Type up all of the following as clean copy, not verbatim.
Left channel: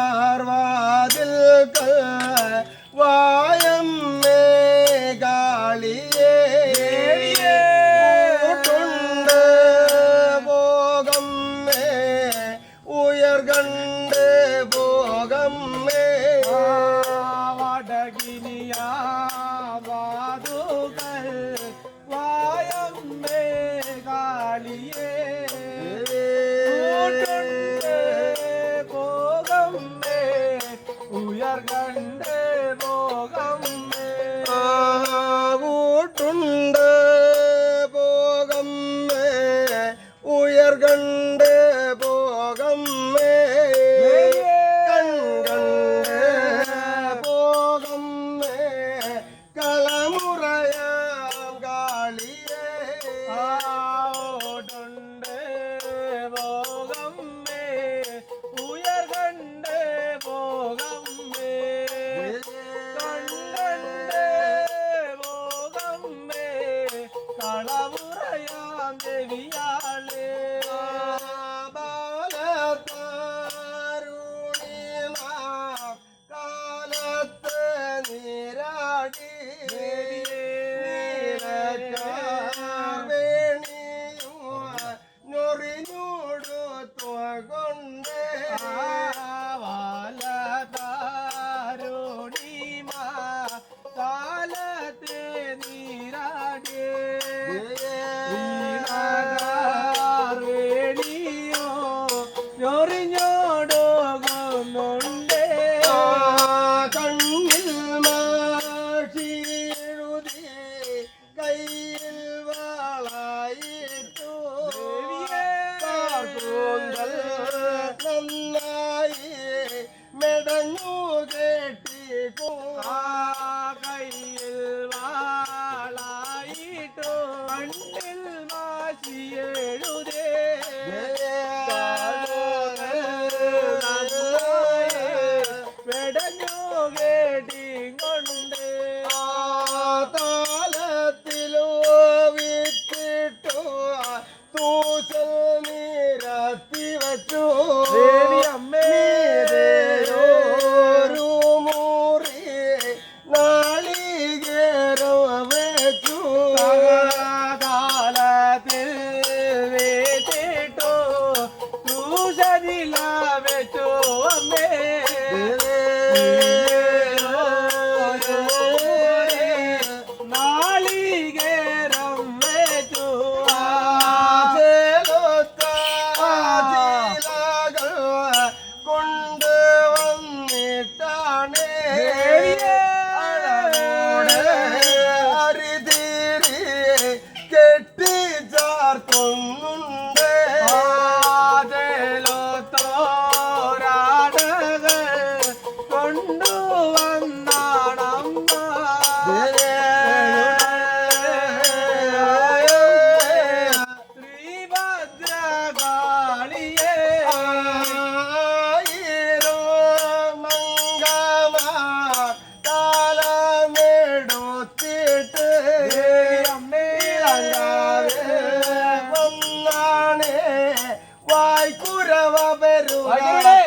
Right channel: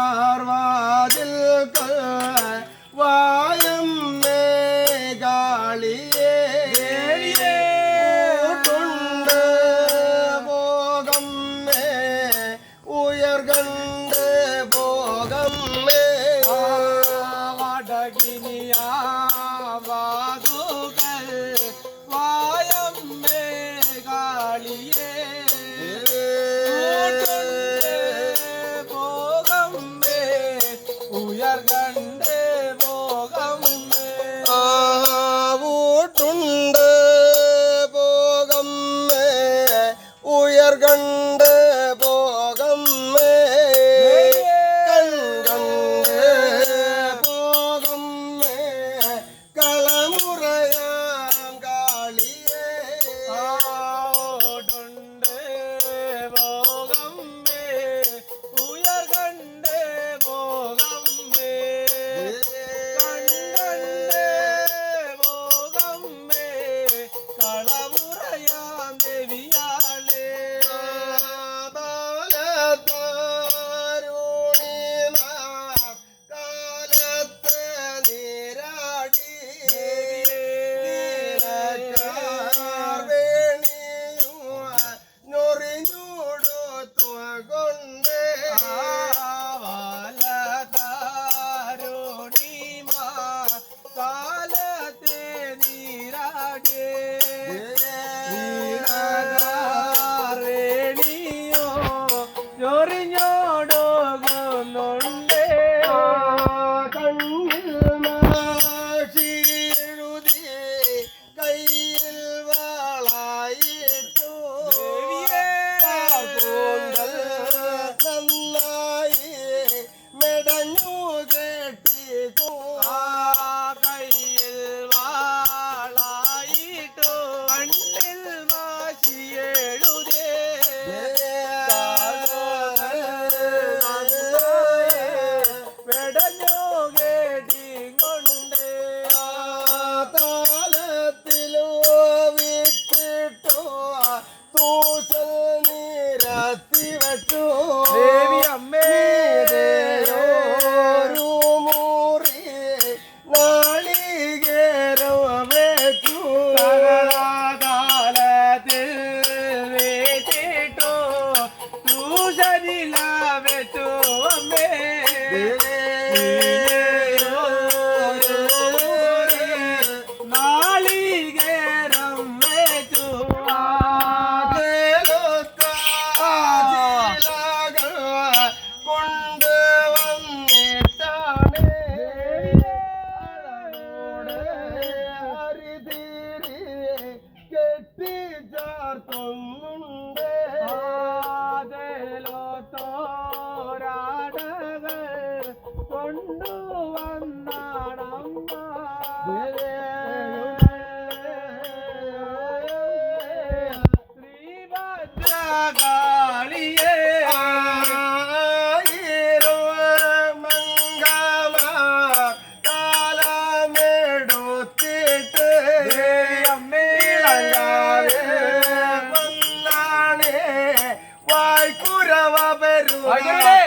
വാടകിനിയാർവാതിൽ വായം മേഘാളിയേ ൂട്ടുണ്ട് ഭോഗം may ഉയർകണ്ട് ഭോഗം may വാടകിനിയാവാതുകൾ വായം മേഘാളിയേ ഭോഗം may ഉയർകണ്ട് ഭോഗം may ൂട്ടുണ്ട് ഭോഗം may ഉയർകണ്ട് ഭോഗം may കൺകണ്ട് ഭോഗം may കളമുറയാം കാളിയേ ോട്ടുണ്ട് ഭോഗം may ഉയർകണ്ട് ഭോഗം may കൺകണ്ട് ഭോഗം may കളമുറയാം ദേവിയാളേ കാലത്ത് നീരാടി നൊറിഞ്ഞൂടു കൊണ്ട് വാലതാരോണിമാ കാലത്തെ നീരാടേ വീണകാരേണിയോ ചൊറിഞ്ഞോടുന്നുണ്ടേ കണ്ണിൽ മാഷി എഴുതി കയ്യിൽ വാളായിട്ടു കൂന്തൽ നന്നായി മെടഞ്ഞു കെട്ടി കയ്യിൽ വാളായിട്ടു കണ്ണിൽ മാശിയെഴുതേ വെടഞ്ഞു കേട്ടിക്കൊണ്ട് താലത്തിലോ വിറ്റിട്ടു തൂസൽ നീരത്തി വച്ചു ദേവി അമ്മേ ഒരു മുറി നാളികേരം വെച്ചു കാലത്തിൽ വേറ്റിട്ടു തൂശനില വെച്ചു അമ്മേ നാളികേരം വെച്ചു കൊണ്ട് വന്നിട്ടാണ് അരിതീരി കെട്ടി ചാർത്തുന്നുണ്ട് തോരാടകൾ കൊണ്ടുവന്നാണമ്മ ശ്രീഭദ്രകാളിയേ കാലമെടുത്തിട്ട് അമ്മേ വന്നാണ് വായ്ക്കുരവ വായ്ക്കുരവേ.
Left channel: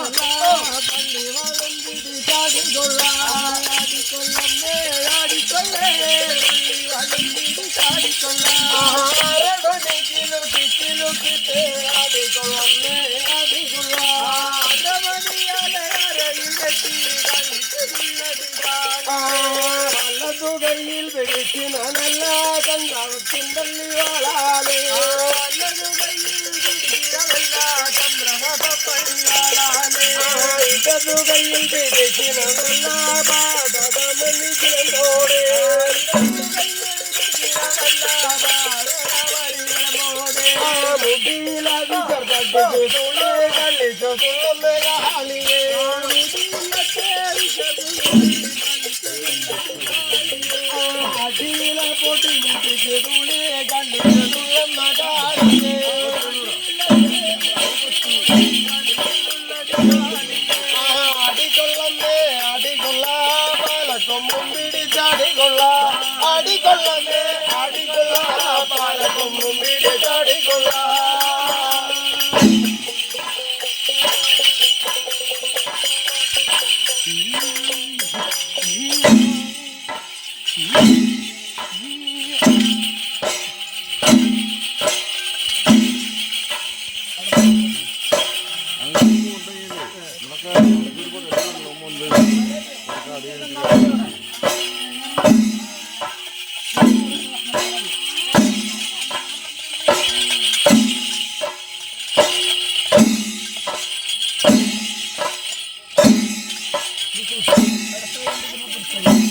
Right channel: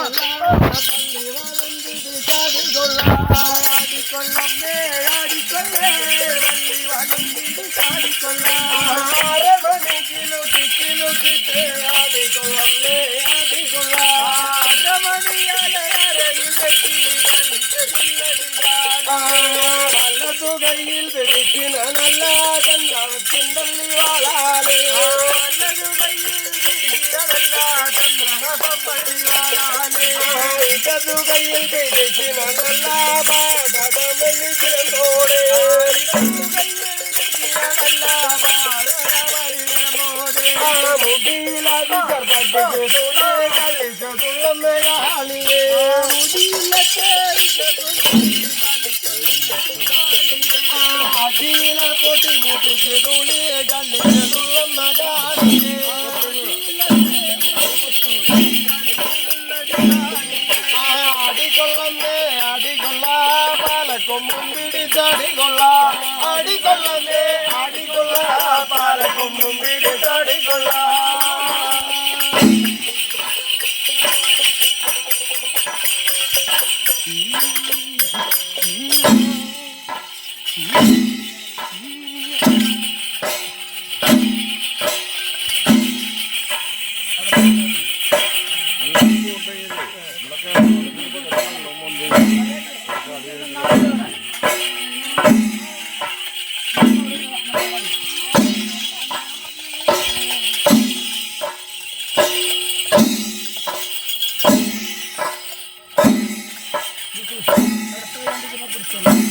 പള്ളി വളർന്നിട്ട് ചാടിക്കൊള്ളാടിക്കൊള്ളമ്മേ ആടിക്കൊള്ളേ പള്ളി വളർന്നിട്ട് ചാടിക്കൊള്ളാരമണിക്കിലുക്കിലുക്കിട്ട് ആടിക്കൊള്ളമ്മേ വലതു കയ്യിൽ പിടിക്കുന്ന നല്ല ചന്ദ്രത്തിൻ്റെ വാളാലേ ഇടതു കയ്യിൽ പിടിക്കുന്ന നല്ല പാടകമണികളോടെ മുടിയിലതി ചെറുപ്പട്ടിക്ക് കളിച്ചു തുള്ളമ്മയാളിയേ അഖില പൊട്ടി മുട്ടിച്ച് തുള്ളിയെ കളിച്ചു തുള്ളമ്മയാളിയേ അടികൊള്ളമ്മേ അടികൊള്ള പാലക്കൊമ്പും പിടിച്ചടികൊള്ള അടികൊള്ളമ്മേ അടികൊള്ള പാലക്കൊമ്പും പിടിച്ചടികൊള്ള കൊള്ളാം